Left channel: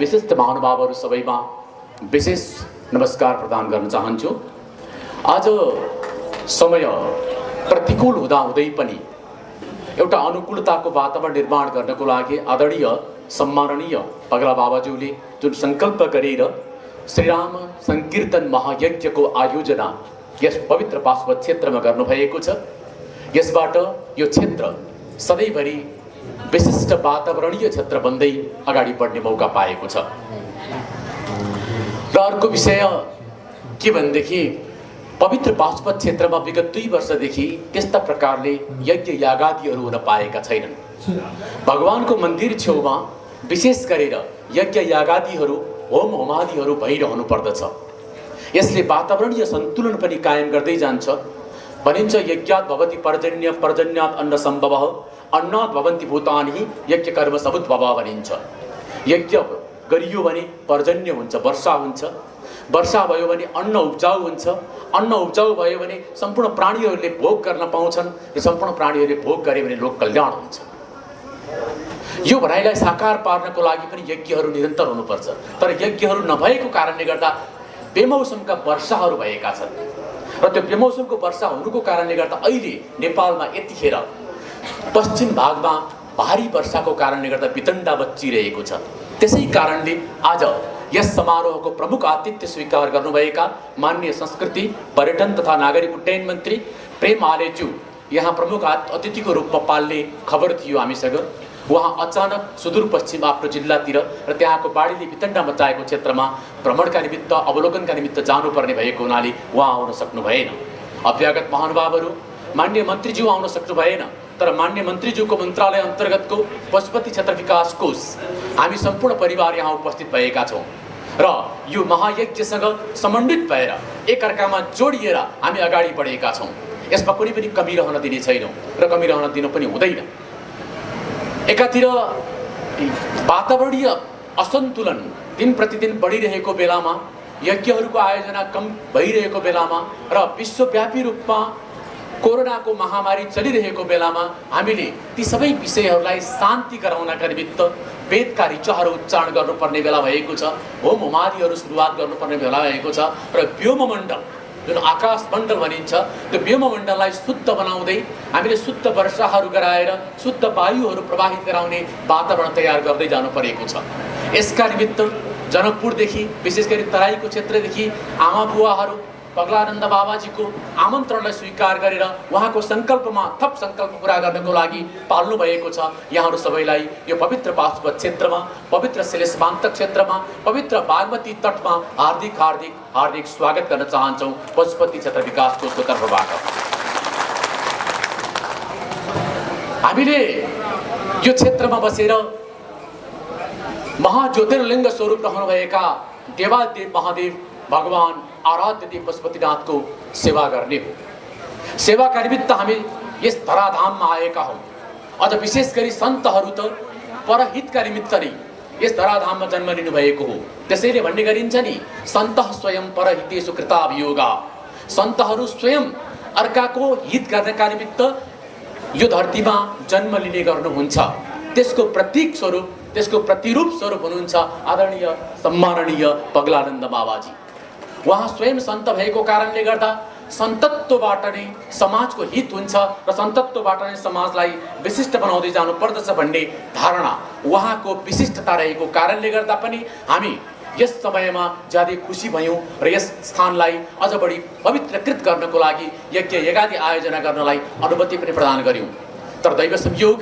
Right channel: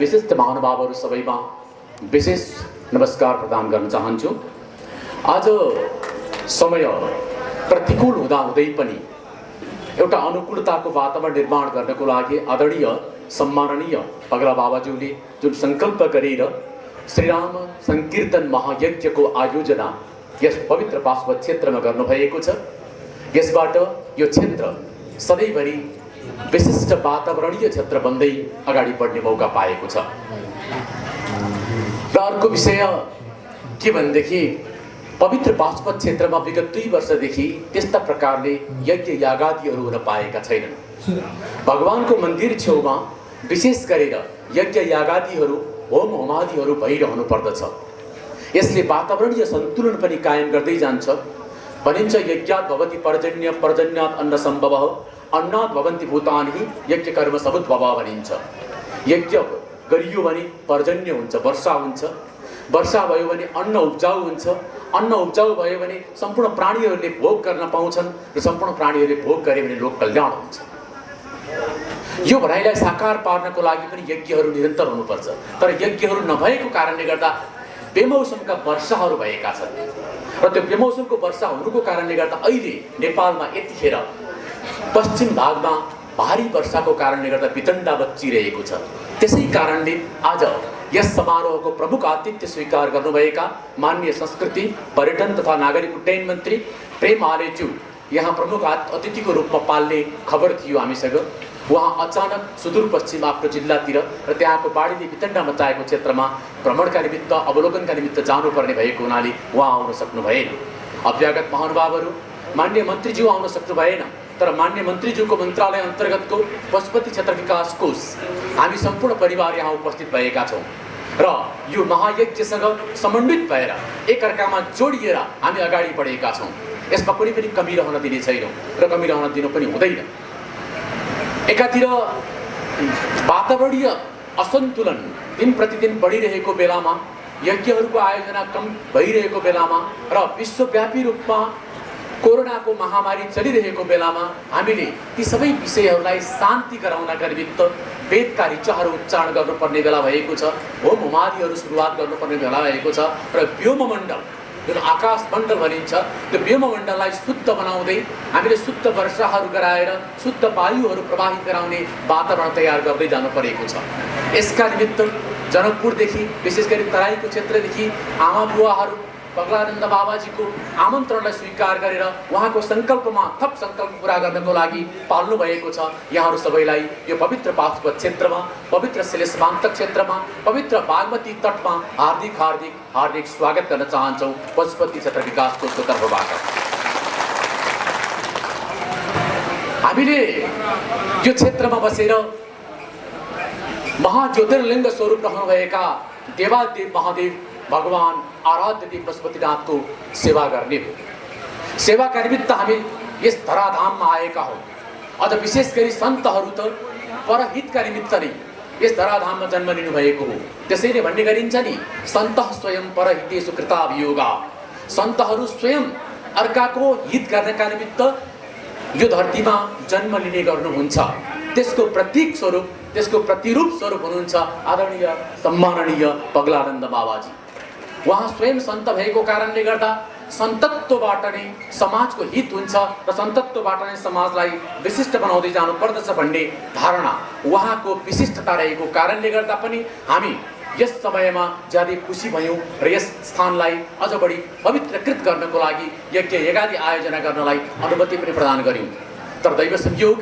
विशिष्ट महानुभावहरू सबैमा विशेष नमस्कार प्रदान गर्न चाहन्छु। आज समय प्रतिकूल हुँदाहुँदै पनि एउटा अनुकूलताको वातावरण निर्माण गर्नको लागि आदरणीय सम्माननीय पगला बाबाज्यूले जुन संकल्प गरेर श्रीराम संकीर्तन महायज्ञको आयोजना यस पवित्र पाशुपत क्षेत्रमा गर्नुभएको छ। यसबाट यो क्षेत्र सधैँभरि विशिष्ट वातावरणीय क्षेत्र बन्दै अगाडि बढ्ने मौका पाएको छ। र अर्को विषय के भनेदेखि पवित्र पाशुपत क्षेत्रमा विगत 2 वर्षदेखि त्यस्ता प्रकारले यज्ञ यागादिहरू हुन पाएका छैनन्। भगवानको मन्दिर छेउमा विशेष गरेर यज्ञ यागादिहरू होम होमादिहरू भइरहनु पर्दछ। यसले वातावरणीय सन्तुलन पनि कायम गर्दै जान्छ। भनिन्छ यज्ञात् भवति पर्जन्य, पर्जन्यात् अन्न सम्भवः, अन्नात् भवन्ति भूतानि, यज्ञ कर्म समुद्भवः भनिन्छ। यज्ञ गरियो भने पर्जन्य हुन्छ, वर्षा हुन्छ। वर्षा भयो भने अन्न उब्जाउ हुन्छ। अन्न उब्जाउ भयो भने सम्पूर्ण प्राणीहरूले भोग गर्न पाउँछन् र सम्पूर्ण प्राणीहरूले भोग गरे भने लोक कल्याण हुन्छ। यो भनाइलाई साकार पार्नको लागि पनि यज्ञहरू निरन्तर हुनुपर्छ। तर यज्ञहरू नभएको कारणले गर्दा बेमौसमका वर्षाहरू भएका छन् र त्यो बेमौसमको वर्षा हुनुको कारणले गर्दा अहिले नेपालमा यतिखेर पश्चिम भागमा भारी वर्षाको कारणले गर्दा वितण्डा बच्चिरहेको छ। त्यसै कारणले आज यस समारोहको प्रमुख आतिथ्य स्वीकार गर्नुभएका माननीय संस्कृति, पर्यटन तथा नागरिक उड्डयन मन्त्री प्रेम आलेज्यू यहाँ प्रमुख अतिथिको रूपमा पाल्ने खबर थियो हामीसँग। उहाँ अचानक सुदूरपश्चिम आफ्नो जिल्लातिर र त्यहाँको बाढीले वितण्डा मचाएको क्षेत्रमा भ्रमणका निमित्त, अवलोकनका निमित्त जानुपर्ने भएको हुनाले उहाँ आउन सक्नु भएन। अभ्यागत महानुभावहरू, माननीय मन्त्रीज्यू आउन सक्नु भएन। तर माननीय मन्त्रीज्यूको मन्त्रालय अन्तर्गतको पशुपति क्षेत्र विकास कोष हामी सम्पूर्ण परिवार यहाँ उपस्थित भएका छौँ र यो महायज्ञसँग समन्वित भएर एकअर्कामा जोडिएर हामी अगाडि बढेका छौँ। यसमा कुनै पनि कमी रहन दिने छैनौँ र कमी रहन दिनु पनि हुँदैन। एकातिर वातावरणीय असन्तुलन दिन प्रतिदिन बढिरहेको बेलामा, यज्ञहरूको आयोजना कम भइरहेको बेलामा र विश्वव्यापी रूपमा कोरोनाको महामारी चलिरहेको बेलामा हामीले ती सबै विषयहरूलाई शान्ति गराउनका निमित्त वेदका ऋचाहरू उच्चारण गर्नुपर्ने बेला भएको छ। होम होमादिहरू सुरुवात गर्नुपर्ने बेला भएको छ र व्योममण्डल जुन आकाश मण्डल भनिन्छ त्यो व्योममण्डललाई शुद्ध बनाउँदै हामीले शुद्ध वर्षाहरू गराएर शुद्ध वायुहरू प्रवाहित गराउने वातावरण तयार गर्दै जानु परेको छ। यसका निमित्त जनकपुरदेखि विशेष गरी तराईको क्षेत्रदेखि आमा बुवाहरू पगलानन्द बाबाजीको आमन्त्रणलाई स्वीकार गरेर उहाँको सङ्कल्पमा थप सङ्कल्प पुरा गर्नको लागि पाल्नु भएको छ। यहाँहरू सबैलाई यो पवित्र पाशुपत क्षेत्रमा, पवित्र शिलेशमान्तक क्षेत्रमा, पवित्र बागमती तटमा हार्दिक हार्दिक हार्दिक स्वागत गर्न चाहन्छौँ पशुपति क्षेत्र विकास कोषको तर्फबाट। हामीले यो क्षेत्रमा बसेर महाज्योतिर्लिङ्ग स्वरूप रहनुभएका देवादेव महादेव भगवान आराध्य देव पशुपतिनाथको सेवा गर्ने हो। सेवाका निमित्त हामी यस धराधाममा आएका हौँ। अझ विशेष गरी सन्तहरू त परहितका निमित्त नै यस धराधाममा जन्म लिनु भएको हो। त्यसैले भन्ने गरिन्छ नि, सन्तः स्वयं परहितेषु कृताभियोगा। सन्तहरू स्वयं अर्काको हित गर्नका निमित्त यो धरतीमा जन्म लिने गर्नुहुन्छ। त्यसको प्रतीक स्वरूप, त्यसको प्रतिरूप स्वरूप हुनुहुन्छ आदरणीय सम्माननीय पगलानन्द बाबाजी। उहाँ स्वयं सन्त भएको कारणले गर्दा सन्तत्वबाट नै समाजको हित हुन्छ र सन्तत्वबाट नै समाजलाई विशिष्ट बनाउँदै जानुपर्दछ भन्ने धारणा उहाँको विशिष्टता रहेको कारणले गर्दा पनि हामी यस समयमा ज्यादै खुसी भयौँ र यस स्थानलाई अझ बढी पवित्रकृत गर्नको लागि यज्ञ यज्ञादि आयोजना गर्नलाई अनुमति पनि प्रदान गर्यौँ। तर दैव संयोग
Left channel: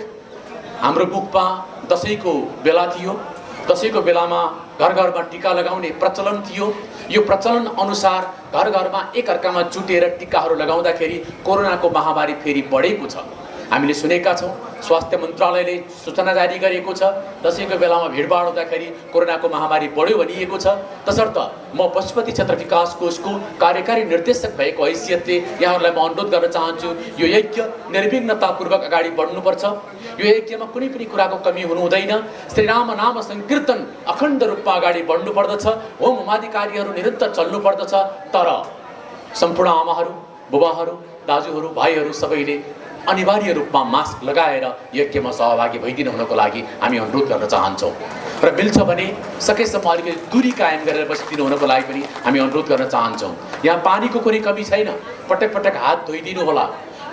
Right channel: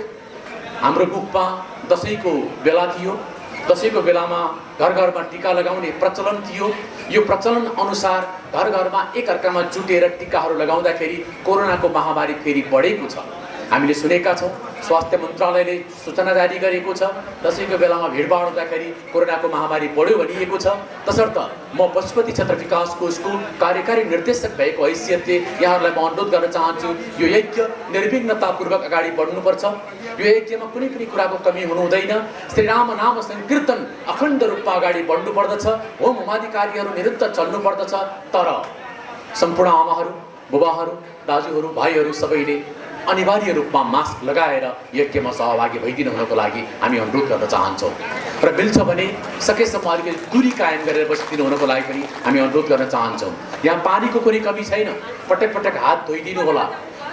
हाम्रो मुखमा दसैँको बेला थियो। दसैँको बेलामा घर घरमा टीका लगाउने प्रचलन थियो। यो प्रचलन अनुसार घर घरमा एकअर्कामा जुटेर टीकाहरू लगाउँदाखेरि कोरोनाको महामारी फेरि बढेको छ। हामीले सुनेका छौँ, स्वास्थ्य मन्त्रालयले सूचना जारी गरेको छ दसैँको बेलामा भिडभाड हुँदाखेरि कोरोनाको महामारी बढ्यो भनिएको छ। तसर्थ म पशुपति क्षेत्र विकास कोषको कार्यकारी निर्देशक भएको हैसियतले यहाँहरूलाई म अनुरोध गर्न चाहन्छु, यो यज्ञ निर्विघ्नतापूर्वक अगाडि बढ्नुपर्छ। यो यज्ञमा कुनै पनि कुराको कमी हुनु हुँदैन। श्रीराम नाम संकीर्तन अखण्ड रूपमा अगाडि बढ्नुपर्दछ। होम होमादि कार्यहरू निरन्तर चल्नुपर्दछ। तर सम्पूर्ण आमाहरू, बुबाहरू, दाजुहरू, भाइहरू सबैले अनिवार्य रूपमा मास्क लगाएर यज्ञमा सहभागी भइदिनु हुनको लागि हामी अनुरोध गर्न चाहन्छौँ र मिल्छ भने सकेसम्म अलिकति दूरी कायम गरेर बसिदिनु हुनको लागि पनि हामी अनुरोध गर्न चाहन्छौँ। यहाँ पानीको कुनै कमी छैन, पटक पटक हात धोइदिनु होला।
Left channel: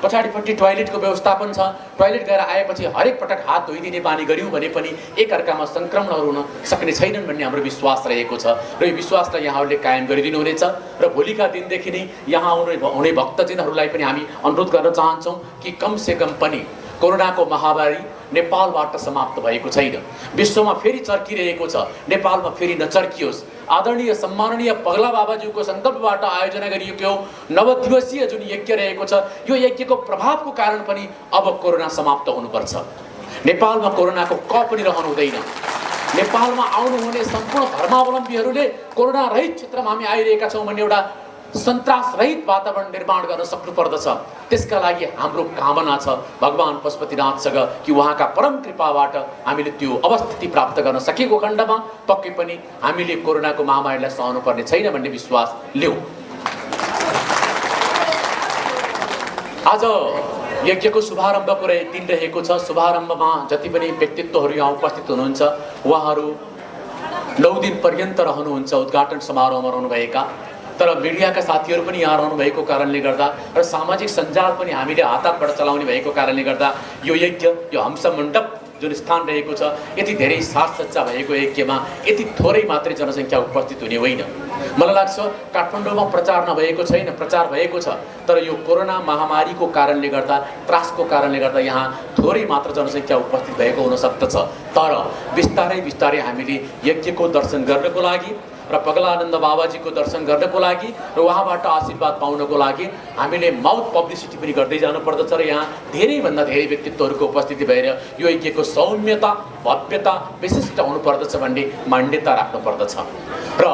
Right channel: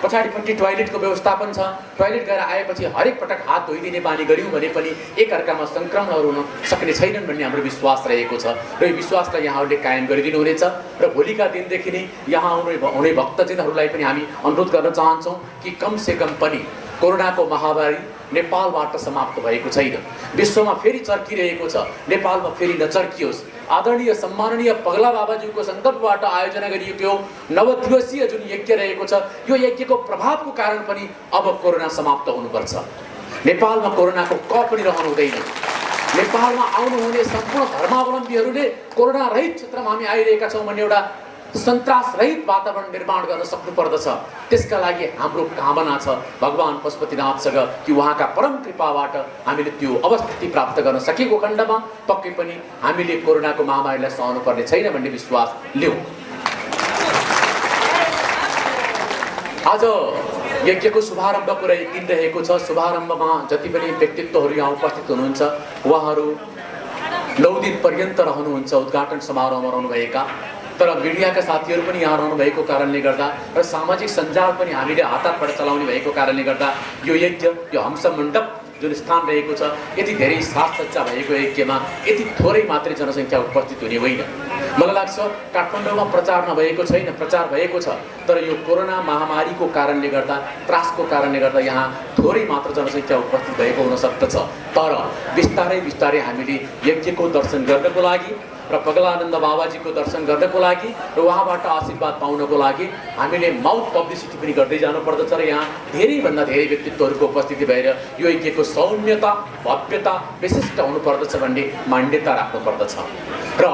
पछाडिपट्टि टोयलेटको व्यवस्थापन छ, टोयलेट गएर आएपछि हरेक पटक हात धोइदिने बानी गऱ्यौँ भने पनि एकअर्कामा सङ्क्रमणहरू हुन सक्ने छैनन् भन्ने हाम्रो विश्वास रहेको छ र यो विश्वासलाई यहाँहरूले कायम गरिदिनु हुनेछ र भोलिका दिनदेखि नै यहाँ हुने भक्तजनहरूलाई पनि हामी अनुरोध गर्न चाहन्छौँ कि कमसेकम पनि कोरोनाको महामारी नेपालबाट समाप्त भएको छैन, विश्वमा फेरि चर्किरहेको छ, नेपालमा फेरि नचर्कियोस्। आदरणीय सम्माननीय पगला बाबाज्यूको सङ्कल्पबाट आयोजना गरिएको नवदिवसीय जुन यज्ञ रहेको छ, यो यज्ञको प्रभावको कारण पनि अब कोरोना समाप्त हुनुपर्छ। नेपालमा कोरोनाको क पनि रहनु हुँदैन। नेपालमा आउनुहुने सम्पूर्ण धर्मावलम्बीहरूले कोरोना रहित क्षेत्रमा हामी आइरहेका छौँ भन्ने एउटा सन्तास रहित वातावरण निर्माण गर्न सक्नुपर्दछ। त्यसका लागि हाम्रो कामना छ भगवान पशुपतिनाथसँग कि उहाँका परम कृपाबाट हामीले त्यो अवस्थिति प्राप्त गर्न सकेको खण्डमा पक्कै पनि हामीले कोरोनाको महामारीलाई सहनु पर्ने छैन भन्ने विश्वास लियौँ। आज यज्ञको शुभारम्भको दिन रहेको छ। शुभारम्भमा जति पनि व्यक्तित्वहरू यहाँ उपस्थित हुनुहुन्छ उहाँहरू 9 दिन पर्यन्त रहनुहुन्छ उद्घाटन समारोहमा रहनुभएका। तर मिडियाका साथीहरू पनि यहाँ रहनु भएको कारणले गर्दा र सामाजिक सञ्जाल पनि हामीले हातबाट चलाउने भएको कारणले गर्दा यो यज्ञ, यो हंस मण्डप जुन स्थान रहेको छ, यति धेरै साजसज्जा भएको यज्ञमा यति थोरै मात्रै जनसङ्ख्या उपस्थित हुने होइन। मलाई लाग्छ काठमाडौँमा प्रचार नभएको छैन, प्रचार भएको छ, तर यो कोरोना महामारीको कारणले गर्दा, त्रासको कारणले गर्दा यहाँ थोरै मात्र जनसङ्ख्या उपस्थित भएको हुन सक्दछ। तर बिस्तारै बिस्तारै हामीले यज्ञको दर्शन गर्नको लागि र पगलानन्द बाबाजीको दर्शन गर्नको लागि र उहाँबाट आशीर्वाद पाउनको लागि हामीले माउथ पब्लिसिटी पनि गर्दै जानुपर्दछ र यहाँ धेरैभन्दा धेरै व्यक्तित्वहरूको उपस्थिति भएर यो यज्ञको सौम्यता, भव्यता, विशिष्ट हुनुपर्दछ भन्ने मान्यता राख्नुपर्दछ। र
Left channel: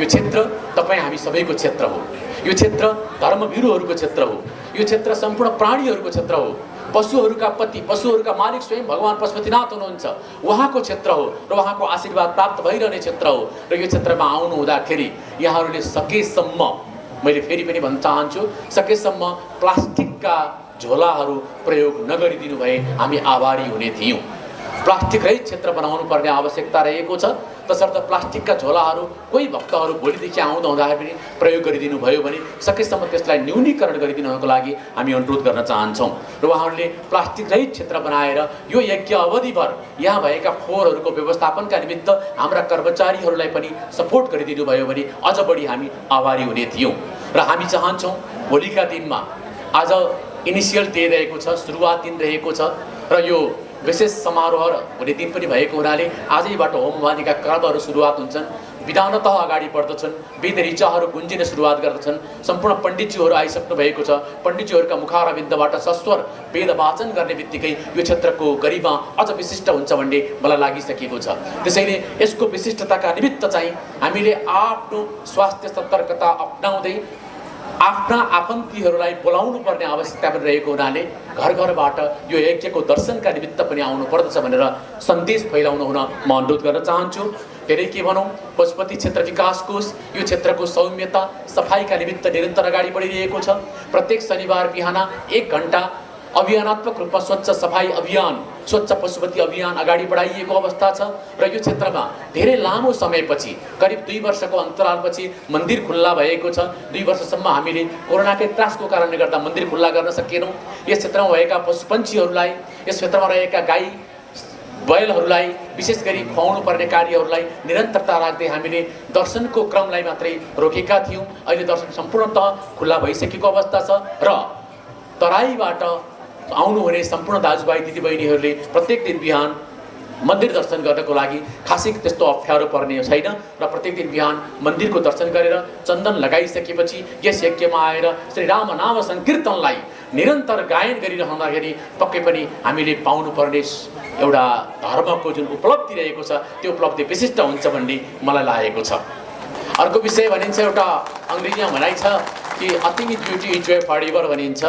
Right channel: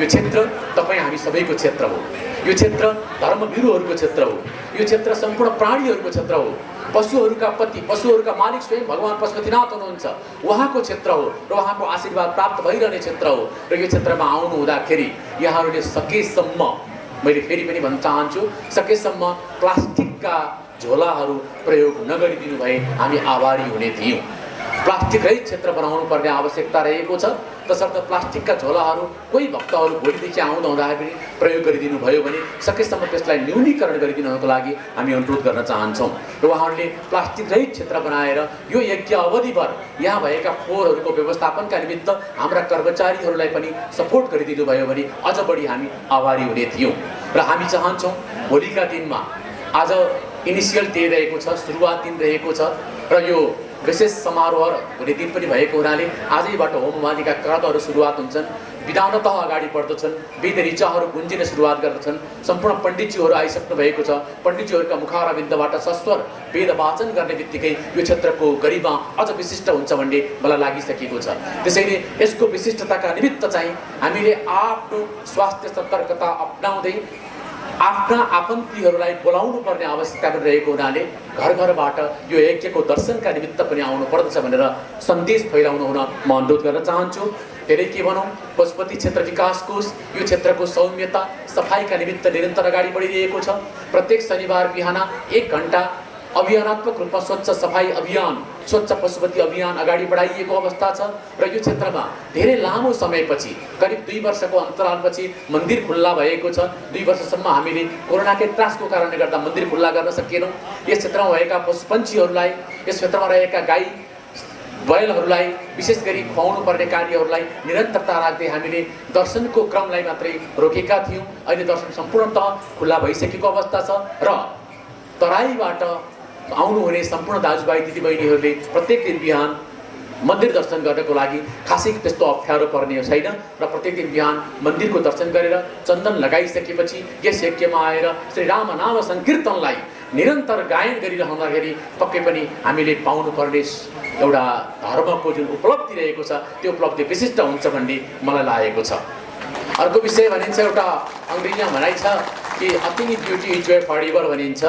यो क्षेत्र तपाईँ हामी सबैको क्षेत्र हो, यो क्षेत्र धर्मवीरहरूको क्षेत्र हो, यो क्षेत्र सम्पूर्ण प्राणीहरूको क्षेत्र हो, पशुहरूका पति, पशुहरूका मालिक स्वयं भगवान पशुपतिनाथ हुनुहुन्छ, उहाँको क्षेत्र हो र उहाँको आशीर्वाद प्राप्त भइरहने क्षेत्र हो। र यो क्षेत्रमा आउनु हुँदाखेरि यहाँहरूले सकेसम्म, मैले फेरि पनि भन्न चाहन्छु, सकेसम्म प्लास्टिकका झोलाहरू प्रयोग नगरिदिनु भए हामी आभारी हुने थियौँ। प्लास्टिक रहित क्षेत्र बनाउनु पर्ने आवश्यकता रहेको छ, तसर्थ प्लास्टिकका झोलाहरू कोही भक्तहरू भोलिदेखि आउँदा हुँदाखेरि प्रयोग गरिदिनु भयो भने सकेसम्म त्यसलाई न्यूनीकरण गरिदिनुको लागि हामी अनुरोध गर्न चाहन्छौँ। र उहाँहरूले प्लास्टिक रहित क्षेत्र बनाएर यो यज्ञ अवधिभर यहाँ भएका फोहोरहरूको व्यवस्थापनका निमित्त हाम्रा कर्मचारीहरूलाई पनि सपोर्ट गरिदिनु भयो भने अझ बढी हामी आभारी हुने थियौँ। र हामी चाहन्छौँ भोलिका दिनमा, आज इनिसियल डे रहेको छ, सुरुवात दिन रहेको छ र यो विशेष समारोह हुने दिन पनि भएको हुनाले आजैबाट होमवादीका क्रमहरू सुरुवात हुन्छन्, विधानतः अगाडि बढ्दछन्, वेद ऋचाहरू गुन्जिन सुरुवात गर्दछन्। सम्पूर्ण पण्डितज्यूहरू आइसक्नु भएको छ। पण्डितज्यूहरूका मुखारविन्दबाट सस्वर वेद वाचन गर्ने बित्तिकै यो क्षेत्रको गरिमा अझ विशिष्ट हुन्छ भन्ने मलाई लागिसकेको छ। त्यसैले यसको विशिष्टताका निमित्त चाहिँ हामीले आफ्नो स्वास्थ्य सतर्कता अपनाउँदै आफ्ना आफन्तीहरूलाई बोलाउनु पर्ने आवश्यकता पनि रहेको हुनाले घर घरबाट यो यज्ञको दर्शनका निमित्त पनि आउनु पर्दछ भनेर सन्देश फैलाउनु हुन म अनुरोध गर्न चाहन्छु। फेरि के भनौँ, पशुपति क्षेत्र विकास कोष यो क्षेत्रको सौम्यता, सफाइका निमित्त निरन्तर अगाडि बढिरहेको छ। प्रत्येक शनिबार बिहान 1 घण्टा अभियानात्मक रूपमा स्वच्छ सफाई अभियान, स्वच्छ पशुपति अभियान अगाडि बढाइएको अवस्था छ। र यो क्षेत्रमा धेरै लामो समयपछि, करिब 2 वर्षको अन्तरालपछि मन्दिर खुल्ला भएको छ। 2 वर्षसम्म हामीले कोरोनाकै त्रासको कारणले गर्दा मन्दिर खुल्ला गर्न सकेनौँ। यस क्षेत्रमा भएका पशुपन्छीहरूलाई, यस क्षेत्रमा रहेका गाई बैलहरूलाई विशेष गरी खुवाउनु पर्ने कार्यहरूलाई निरन्तरता राख्दै हामीले दर्शनको क्रमलाई मात्रै रोकेका थियौँ। अहिले दर्शन सम्पूर्णतः खुल्ला भइसकेको अवस्था छ र तराईबाट आउनुहुने सम्पूर्ण दाजुभाइ दिदीबहिनीहरूले प्रत्येक दिन बिहान मन्दिर दर्शन गर्नको लागि खासै त्यस्तो अप्ठ्यारो पर्ने छैन र प्रत्येक दिन बिहान मन्दिरको दर्शन गरेर चन्दन लगाइसकेपछि यस यज्ञमा आएर श्री राम नाम सङ्कीर्तनलाई निरन्तर गायन गरिरहँदाखेरि पक्कै पनि हामीले पाउनुपर्ने एउटा धर्मको जुन उपलब्धि रहेको छ त्यो उपलब्धि विशिष्ट हुन्छ भन्ने मलाई लागेको छ। अर्को विषय भनिन्छ, एउटा अङ्ग्रेजीमा भनाइ छ कि a thing is beauty is joy for ever भनिन्छ।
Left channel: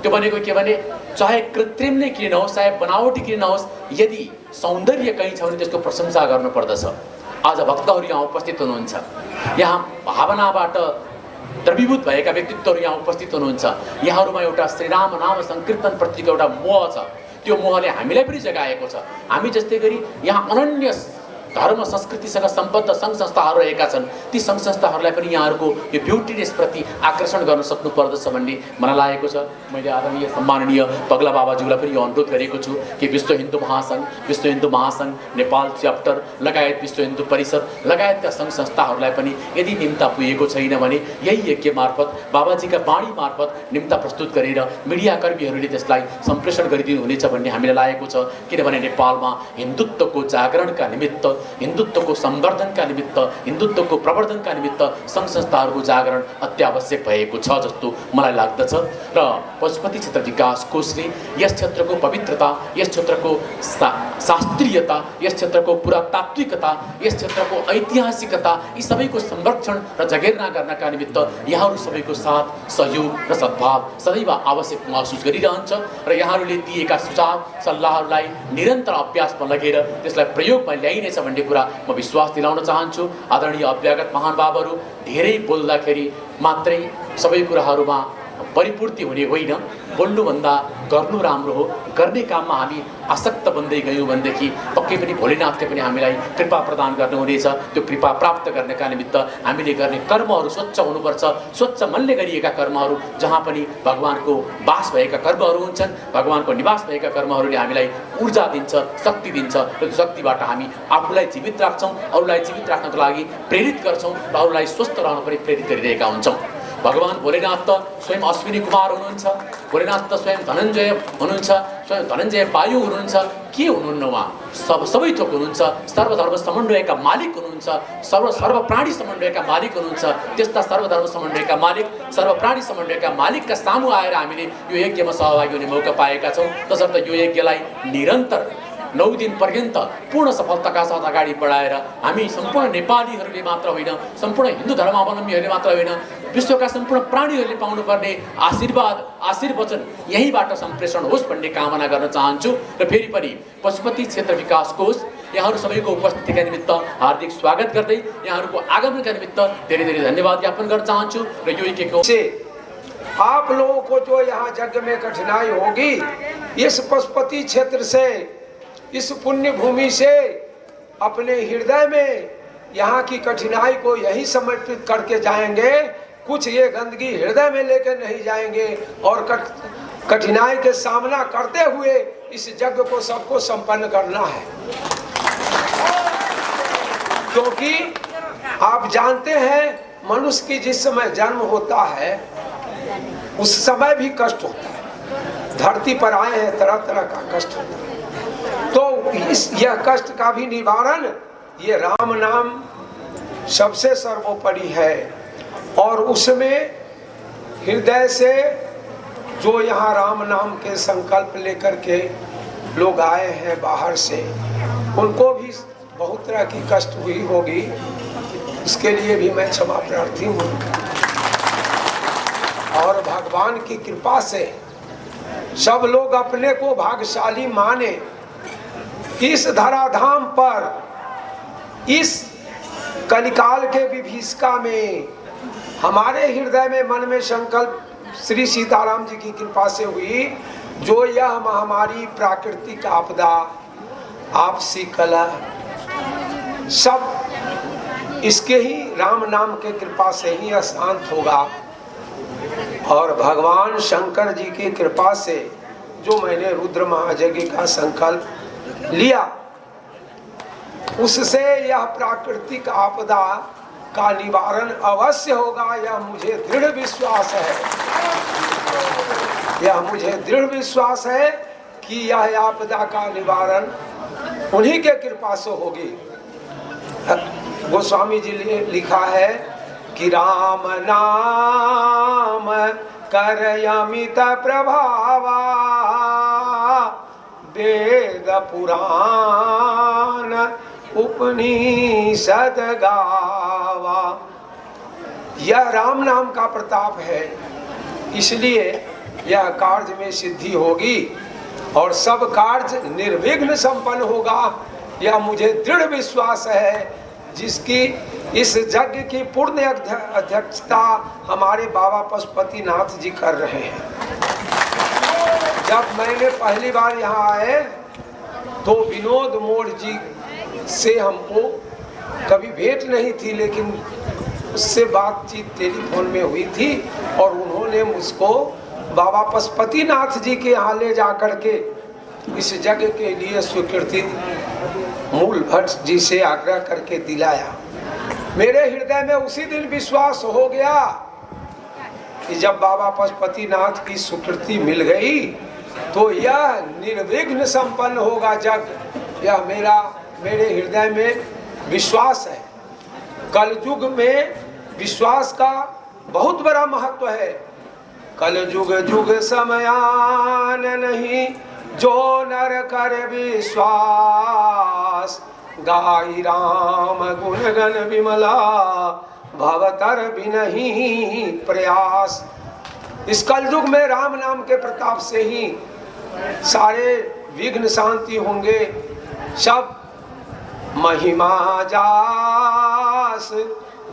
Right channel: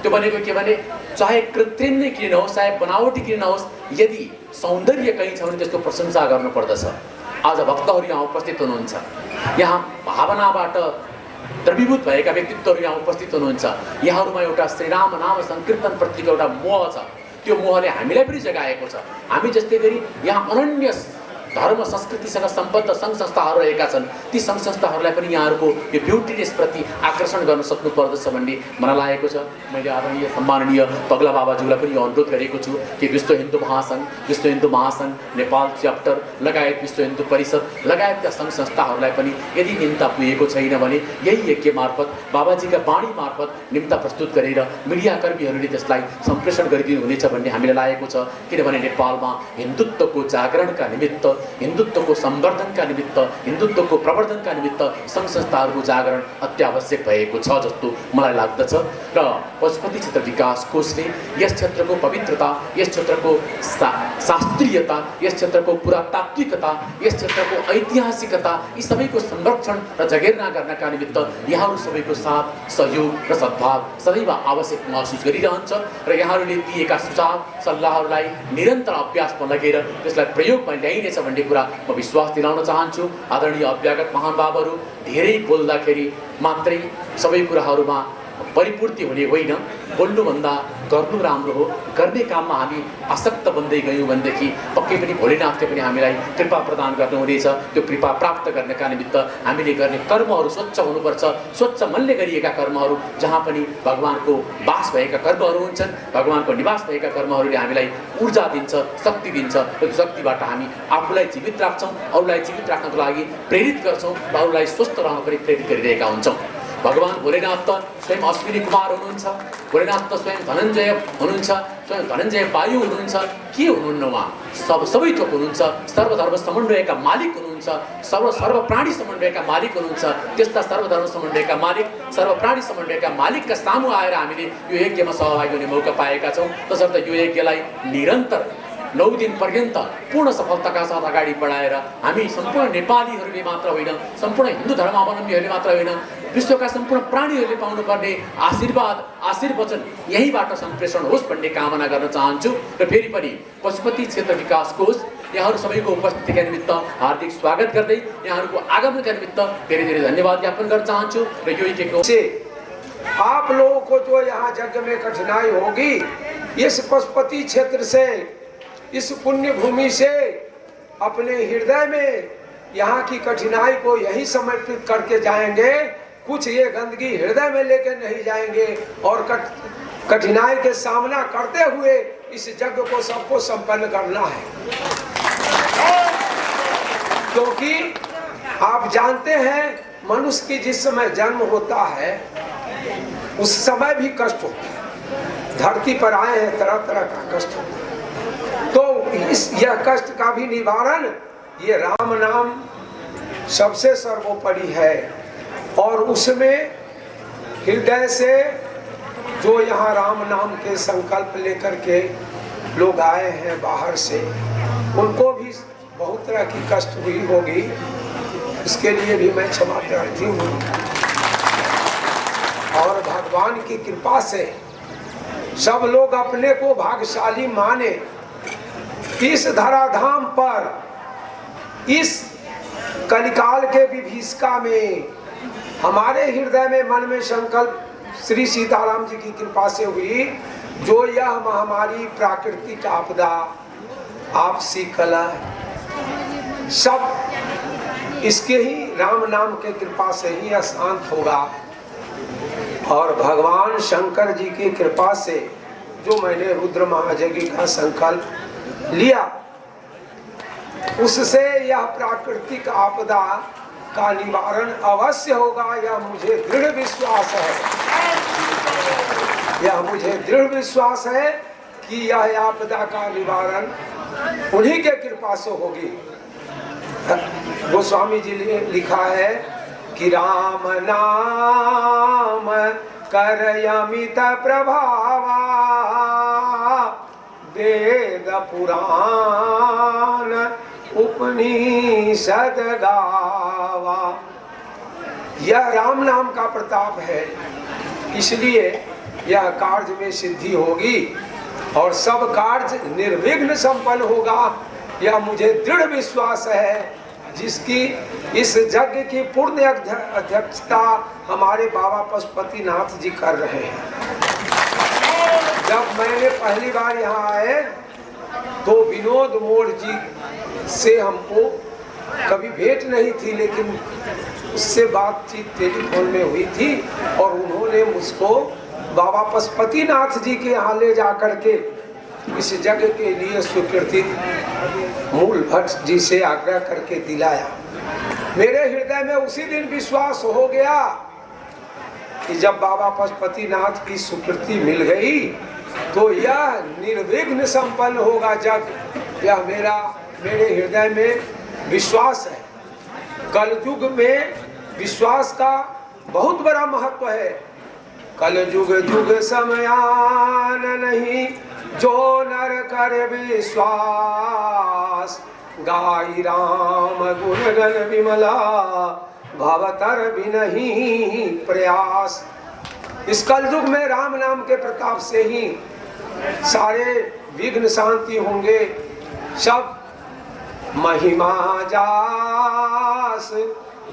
त्यो भनेको के भने चाहे कृत्रिम नै किन नहोस्, चाहे बनावटी किन नहोस्, यदि सौन्दर्य कहीँ छ भने त्यसको प्रशंसा गर्नुपर्दछ। आज भक्तहरू यहाँ उपस्थित हुनुहुन्छ, यहाँ भावनाबाट द्रवीभूत भएका व्यक्तित्वहरू यहाँ उपस्थित हुनुहुन्छ। यहाँहरूमा एउटा श्रीराम नाम संकीर्तन प्रतिको एउटा मोह छ। त्यो मोहले हामीलाई पनि जगाएको छ। हामी जस्तै गरी यहाँ अनन्य धर्म संस्कृतिसँग सम्बद्ध सङ्घ संस्थाहरू रहेका छन्। ती सङ्घ संस्थाहरूलाई पनि यहाँहरूको यो ब्युटिनेस प्रति आकर्षण गर्न सक्नु पर्दछ भन्ने मलाई लागेको छ। मैले आदरणीय सम्माननीय पगला बाबाज्यूलाई पनि यो अनुरोध गरेको छु कि विश्व हिन्दू महासङ्घ नेपाल च्याप्टर लगायत विश्व हिन्दू परिषद लगायतका सङ्घ संस्थाहरूलाई पनि यदि निम्ता पुगेको छैन भने यही यज्ञ मार्फत बाबाजीका बाणी मार्फत निम्ता प्रस्तुत गरेर मिडियाकर्मीहरूले त्यसलाई सम्प्रेषण गरिदिनु हुनेछ भन्ने हामीलाई लागेको छ। किनभने नेपालमा हिन्दुत्वको जागरणका निमित्त, हिन्दुत्वको संवर्धनका निमित्त, हिन्दुत्वको प्रवर्धनका निमित्त सङ्घ संस्थाहरूको जागरण अत्यावश्यक भएको छ जस्तो मलाई लाग्दछ। र पशुपति क्षेत्र विकास कोषले यस क्षेत्रको पवित्रता, यस क्षेत्रको शास्त्रीयता, यस क्षेत्रको पुरातात्विकता, यस क्षेत्रको ऐतिहासिकता यी सबैको संरक्षण र जगेर्ना गर्नका निमित्त यहाँहरू सबैको साथ, सहयोग र सद्भाव सदैव आवश्यक महसुस गरिरहन्छ। र यहाँहरूले दिएका सुझाव सल्लाहहरूलाई निरन्तर अभ्यासमा लगेर त्यसलाई प्रयोगमा ल्याइनेछ भन्ने कुरा म विश्वास दिलाउन चाहन्छु। आदरणीय अभ्यागत महानुभावहरू, धेरै बोल्दाखेरि मात्रै सबै कुराहरूमा परिपूर्ति हुने होइन। बोल्नुभन्दा गर्नु राम्रो हो। गर्ने काममा हामी आसक्त बन्दै गयौँ भनेदेखि पक्कै पनि भोलेनाथले पनि हामीलाई कृपा प्रदान गर्नुहुनेछ। त्यो कृपा प्राप्त गर्नका निमित्त हामीले गर्ने कर्महरू स्वच्छ हुनुपर्छ। स्वच्छ मनले गरिएका कर्महरू, जहाँ पनि भगवानको वास भएका कर्महरू हुन्छन्, भगवानको निवास भएका कर्महरूले हामीलाई ऊर्जा दिन्छ, शक्ति दिन्छ। त्यो शक्तिबाट हामी आफूलाई जीवित राख्छौँ, अरूलाई जीवित राख्नको लागि प्रेरित गर्छौँ र अरूलाई स्वस्थ रहन पनि प्रेरित गरिरहेका हुन्छौँ। भगवान भोलेनाथ त स्वयं अश्विनी कुमार हुनुहुन्छ, भोलेनाथ त स्वयं धनञ्जय हुनुहुन्छ, स्वयं धनञ्जय वायु हुनुहुन्छ। के हुनुहुन्न उहाँ? सबै थोक हुनुहुन्छ। सर्वधर्म समन्वयका मालिक हुनुहुन्छ, सर्व प्राणी समन्वयका मालिक हुनुहुन्छ। त्यस्ता सर्वधर्म समन्वयका मालिक, सर्वप्राणी समन्वयका मालिकका सामु आएर हामीले यो यज्ञमा सहभागी हुने मौका पाएका छौँ। तसर्थ यो यज्ञलाई निरन्तर 9 दिन पर्यन्त पूर्ण सफलताका साथ अगाडि बढाएर हामी सम्पूर्ण नेपालीहरूले मात्र होइन, सम्पूर्ण हिन्दू धर्मावलम्बीहरूले मात्र होइन, विश्वका सम्पूर्ण प्राणीहरूले पाउनुपर्ने आशीर्वाद, आशीर्वचन यहीँबाट सम्प्रेषण होस् भन्ने कामना गर्न चाहन्छु। र फेरि पनि पशुपति क्षेत्र विकास कोष यहाँहरू सबैको उपस्थितिका निमित्त हार्दिक स्वागत गर्दै यहाँहरूको आगमनका निमित्त धेरै धेरै धन्यवाद ज्ञापन गर्न चाहन्छु। र यो यज्ञको आप लोगों को जो यहाँ यज्ञ में कठिनाई होगी, इस पशुपति क्षेत्र से, इस पुण्य भूमि से अपने हृदय में यहाँ की कठिनाई को यही समर्पित करके जाएंगे। कुछ ये गंदगी हृदय में लेकर नहीं जाएंगे और कठिनाई के सामना करते हुए इस यज्ञ को सबको संपन्न करना है। क्योंकि आप जानते हैं मनुष्य की जिस समय जन्म होता है उस समय भी कष्ट होता है। धरती पर आए हैं, तरह तरह का कष्ट होता है। तो यह कष्ट का भी निवारण ये राम नाम सबसे सर्वोपरि है। और उसमें हृदय से जो यहाँ राम नाम के संकल्प लेकर के लोग आए हैं बाहर से, उनको भी बहुत तरह की कष्ट हुई होगी। इसके लिए भी मैं क्षमा प्रार्थी हूँ। और भगवान की कृपा से सब लोग अपने को भाग्यशाली माने। इस धराधाम पर इस कलिकाल के विभीषिका में हमारे हृदय में, मन में संकल्प श्री सीताराम जी की कृपा से हुई। जो यह महामारी, प्राकृतिक आपदा, आपसी कलह, सब इसके ही राम नाम के कृपा से ही अशांत होगा। और भगवान शंकर जी की कृपा से जो मैंने रुद्र महायज्ञ का संकल्प लिया, उससे यह प्राकृतिक आपदा का निवारण अवश्य होगा। यह मुझे दृढ़ विश्वास है, यह मुझे दृढ़ विश्वास है कि यह आपदा का निवारण उन्हीं के कृपा से होगी। गोस्वामी जी ने लिखा है कि राम नाम कर अमित प्रभावा, वेद पुराण उपनिषद गावा। यह राम नाम का प्रताप है, इसलिए यह कार्य में सिद्धि होगी और सब कार्य निर्विघ्न संपन्न होगा। यह मुझे दृढ़ विश्वास है। जिसकी इस यज्ञ की पूर्ण अध्यक्षता हमारे बाबा पशुपतिनाथ जी कर रहे हैं। जब मैंने पहली बार यहाँ आए तो विनोद मोड़ जी से हमको कभी भेंट नहीं थी, लेकिन उससे बातचीत टेलीफोन में हुई थी और उन्होंने मुझको बाबा पशुपतिनाथ जी के यहाँ ले जा करके इस जगह के लिए स्वीकृति मूल भट्ट जी से आग्रह करके दिलाया। मेरे हृदय में उसी दिन विश्वास हो गया कि जब बाबा पशुपतिनाथ की स्वीकृति मिल गई तो यह निर्विघ्न संपन्न होगा जग। यह मेरे हृदय में विश्वास है। कलयुग में विश्वास का बहुत बड़ा महत्व है। कलयुग युग समयान नहीं जो नर कर विश्वास, गाई राम गुण गण विमला भवतर बिनहि प्रयास। इस कलयुग में राम नाम के प्रताप से ही सारे विघ्न शांति होंगे। सब महिमा जास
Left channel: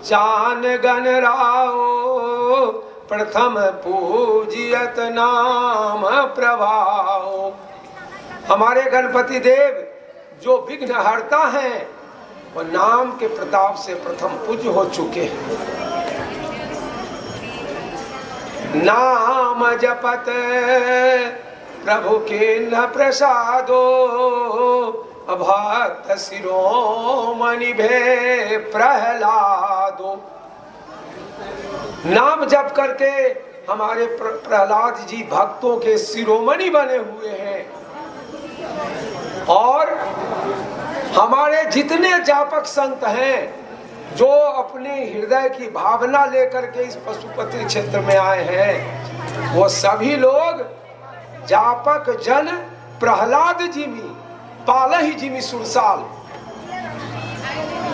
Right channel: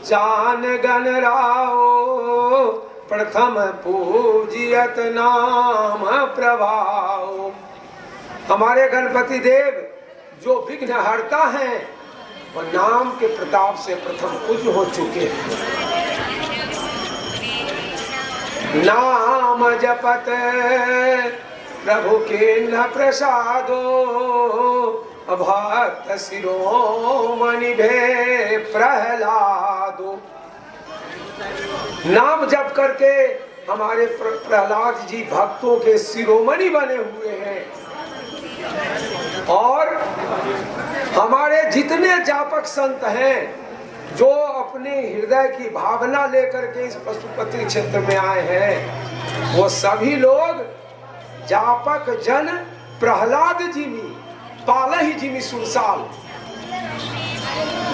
जान गण राओ, प्रथम पूजियत नाम प्रभाओ। हमारे गणपति देव जो विघ्न हरता है वो नाम के प्रताप से प्रथम पूज्य हो चुके हैं। नाम जपत प्रभु के न प्रसादो, भक्त शिरोमणि भे प्रहलादो। नाम जप करके हमारे प्रहलाद जी भक्तों के शिरोमणि बने हुए हैं। और हमारे जितने जापक संत हैं जो अपने हृदय की भावना लेकर के इस पशुपति क्षेत्र में आए हैं, वो सभी लोग जापक जन प्रहलाद जी में पालही जी में सुरसाल।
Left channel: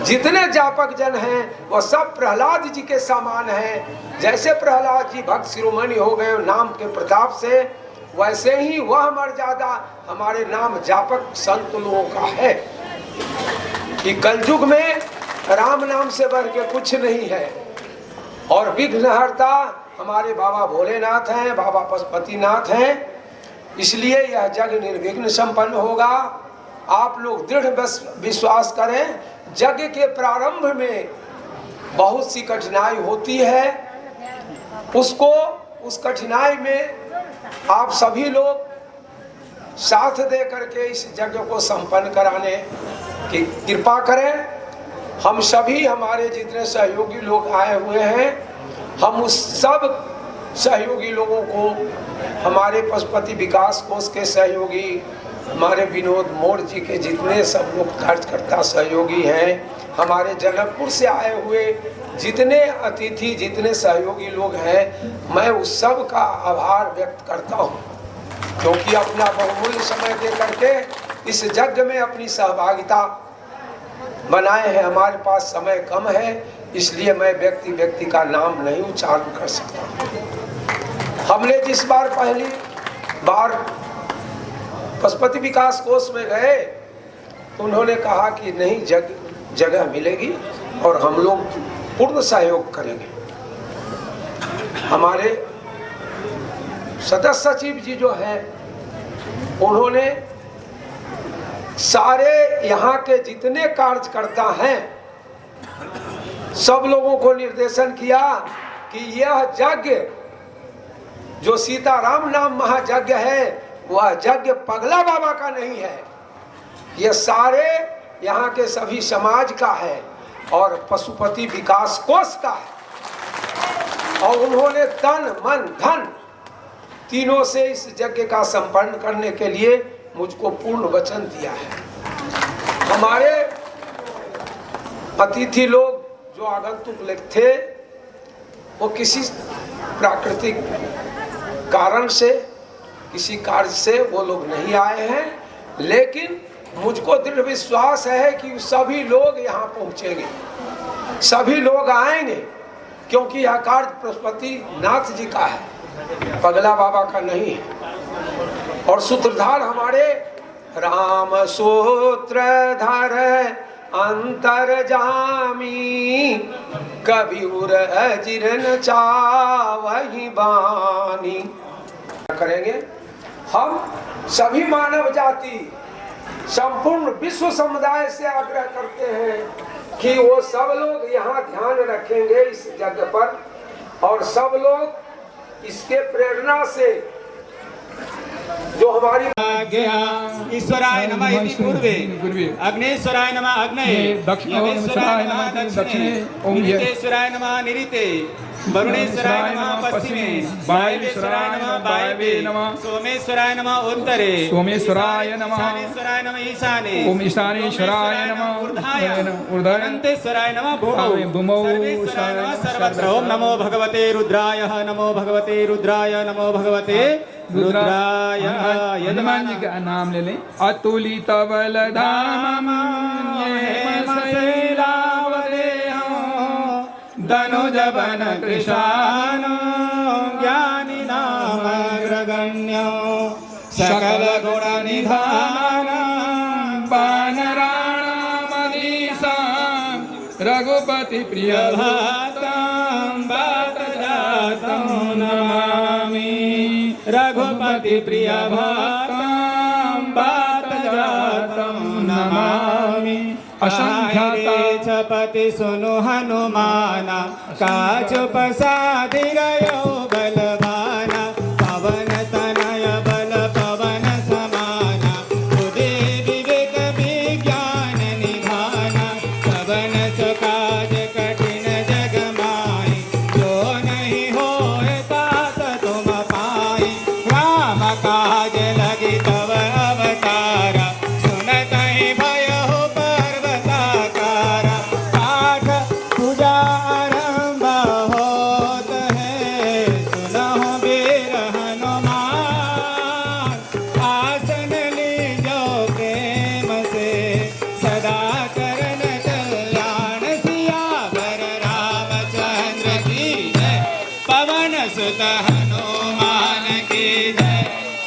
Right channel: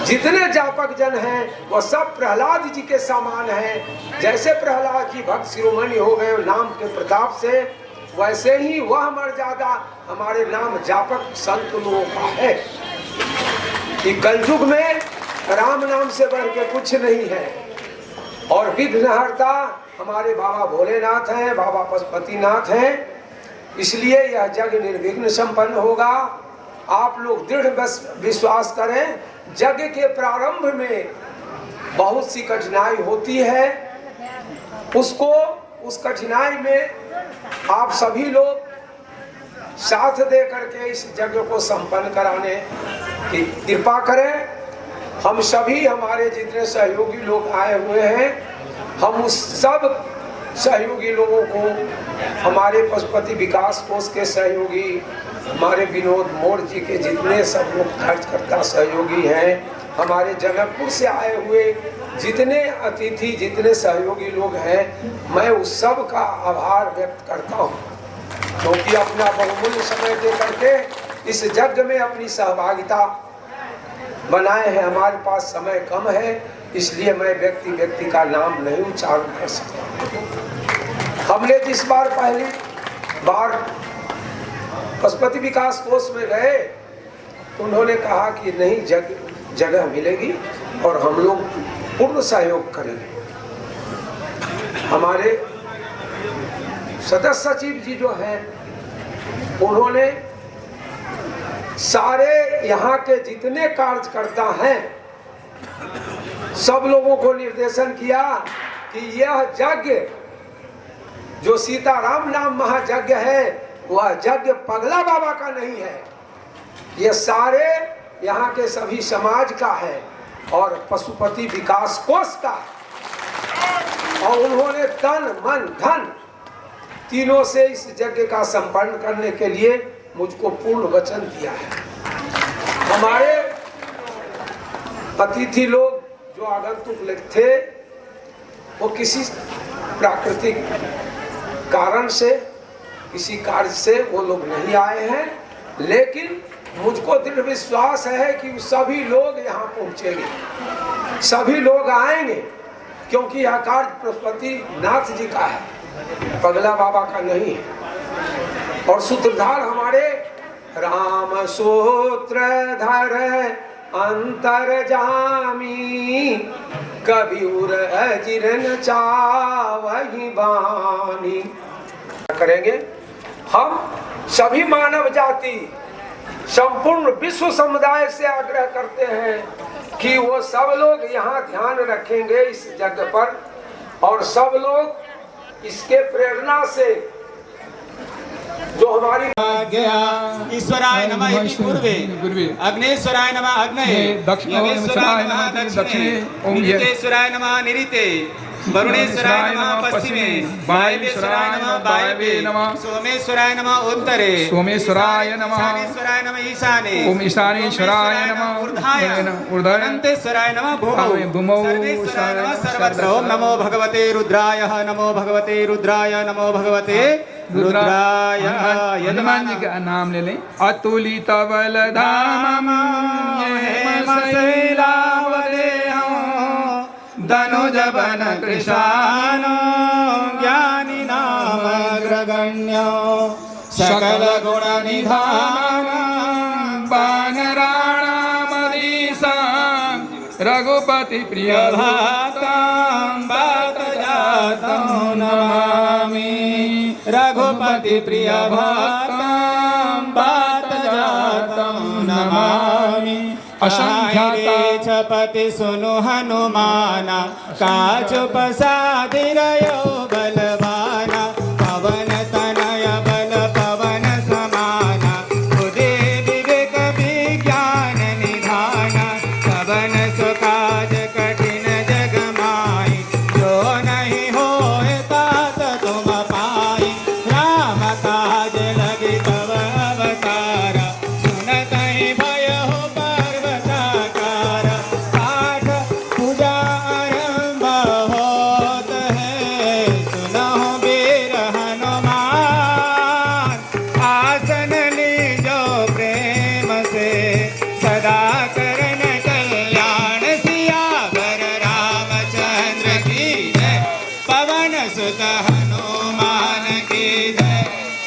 जितने जापक जन हैं वो सब प्रहलाद जी के समान हैं। जैसे प्रहलाद जी भक्त शिरोमणि हो गए नाम के प्रताप से, वैसे ही वह मर्यादा हमारे नाम जापक संत लोगों का है कि कलयुग में राम नाम से बढ़ के कुछ नहीं है। और विघ्नहर्ता हमारे बाबा भोलेनाथ हैं, बाबा पशुपतिनाथ हैं। इसलिए यह जग निर्विघ्न संपन्न होगा। आप लोग दृढ़ विश्वास करें। यज्ञ के प्रारंभ में बहुत सी कठिनाई होती है, उस कठिनाई में आप सभी लोग साथ दे करके इस यज्ञ को संपन्न कराने की कृपा करें। हम सभी हमारे जितने सहयोगी लोग आए हुए हैं, हम उस सब सहयोगी लोगों को, हमारे पशुपति विकास कोष के सहयोगी, हमारे विनोद मोड़ जी के जितने सब लोग कार्यकर्ता सहयोगी हैं, हमारे जनकपुर से आए हुए जितने अतिथि, जितने सहयोगी लोग हैं, मैं उस सब का आभार व्यक्त करता हूँ, क्योंकि अपना बहुमूल्य समय दे करके इस यज्ञ में अपनी सहभागिता बनाए हैं। हमारे पास समय कम है, इसलिए मैं व्यक्ति का नाम नहीं उच्चारण कर सकता। हमने जिस बार पहली बार पशुपति विकास कोष में गए, उन्होंने कहा कि नहीं जगह मिलेगी और हम लोग पूर्ण सहयोग करेंगे। हमारे सदस्य सचिव जी जो हैं, उन्होंने सारे यहाँ के जितने कार्यकर्ता हैं सब लोगों को निर्देशन किया कि यह यज्ञ जो सीताराम नाम महायज्ञ है, वह यज्ञ पगला बाबा का नहीं है, यह सारे यहाँ के सभी समाज का है और पशुपति विकास कोष का है। और उन्होंने तन मन धन तीनों से इस यज्ञ का संपन्न करने के लिए मुझको पूर्ण वचन दिया है। हमारे अतिथि लोग जो आगंतुक थे, वो किसी प्राकृतिक कारण से, किसी कार्य से वो लोग नहीं आए हैं, लेकिन मुझको दृढ़ विश्वास है कि सभी लोग यहाँ पहुँचेंगे, सभी लोग आएंगे, क्योंकि यह कार्य पशुपति नाथ जी का है, पगला बाबा का नहीं है। और सूत्रधार हमारे राम सूत्रधार अंतरजामी कभी अजिर न चावही बानी। करेंगे हम सभी मानव जाति संपूर्ण विश्व समुदाय से आग्रह करते हैं कि वो सब लोग यहाँ ध्यान रखेंगे इस जगह पर, और सब लोग इसके प्रेरणा से जो हमारी ईश्वराय नमः इति पूर्वे अग्नेश्वराय नमः अग्नये यमेश्वराय नमः दक्षिणे निरितेश्वराय नमः निरिते वरुणेश्वराय नमः पश्चिमे वायवेश्वराय नमः वायवे सोमेश्वराय नमः उत्तरे सोमेश्वराय नमः ईशानेश्वराय नमः ईशाने ओम ईशानेश्वराय नमः ऊर्ध्वाय ऊर्ध्वाय अनंतेश्वराय नमः भूमौ सर्वेश्वराय नमः सर्वत्र। ओम नमो भगवते रुद्राय नमो भगवते रुद्राय नमो भगवते रुद्राय। हनुमान जी का नाम ले लें। अतुलित बलधाम धनुज बन कृशान ज्ञानी नाम अग्रगण्य सकल गुण निधान वानराणामधीशा रघुपति प्रिय बात जातं नमामि रघुपति प्रिय भक्तं बात जातं नमामि। असंख्याता छपति सुनु हनुमाना काज पसादिरयो बलवाना पवन तनय बल पवन समाना बुद्धि विवेक विज्ञान निधाना पवन सुकाज कठिन जग माई जो नहीं होए तात तुम पाई राम काज लगी तव अवतारा सुनत ही भय हो पर्वताकारा पाठ पूजा आरंभ होत है सुनहो वीर हनुमान आसन लीजो प्रेम से सदा करन कल्याण सियावर रामचंद्र की जय पवन सुत हनुमान की जय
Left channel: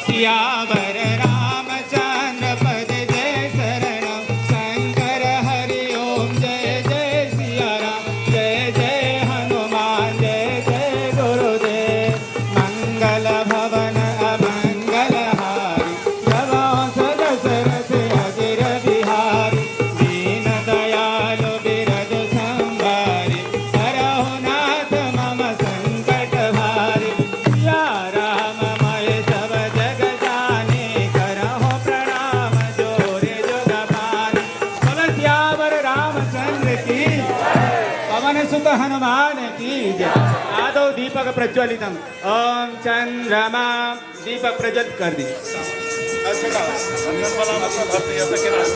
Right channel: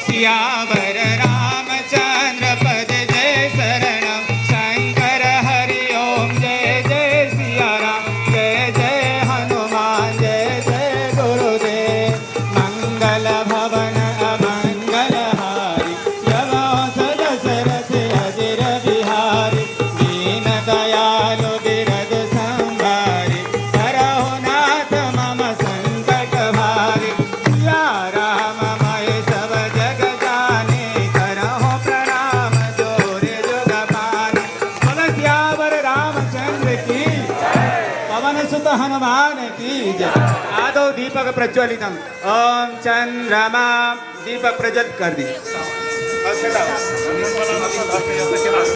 सियावर रामचंद्र पद जय शरणम शंकर हरि ओम जय जय सिया राम जय जय हनुमान जय जय गुरुदेव मंगल भवन अमंगल हारी यमो सदशरथ अजिर बिहारी दीन दयालु बिरज संहारी करहु नाथ मम संकट भारी या राम मय सब जग जाने करहु प्रणाम जोरे जुग पानी। बोलो सियावर रामचंद्र की पवन सुत हनुमान की जय। आदो दीपक प्रज्वलितम ओम चंद्रमा दीपक प्रज्वलित कर दी।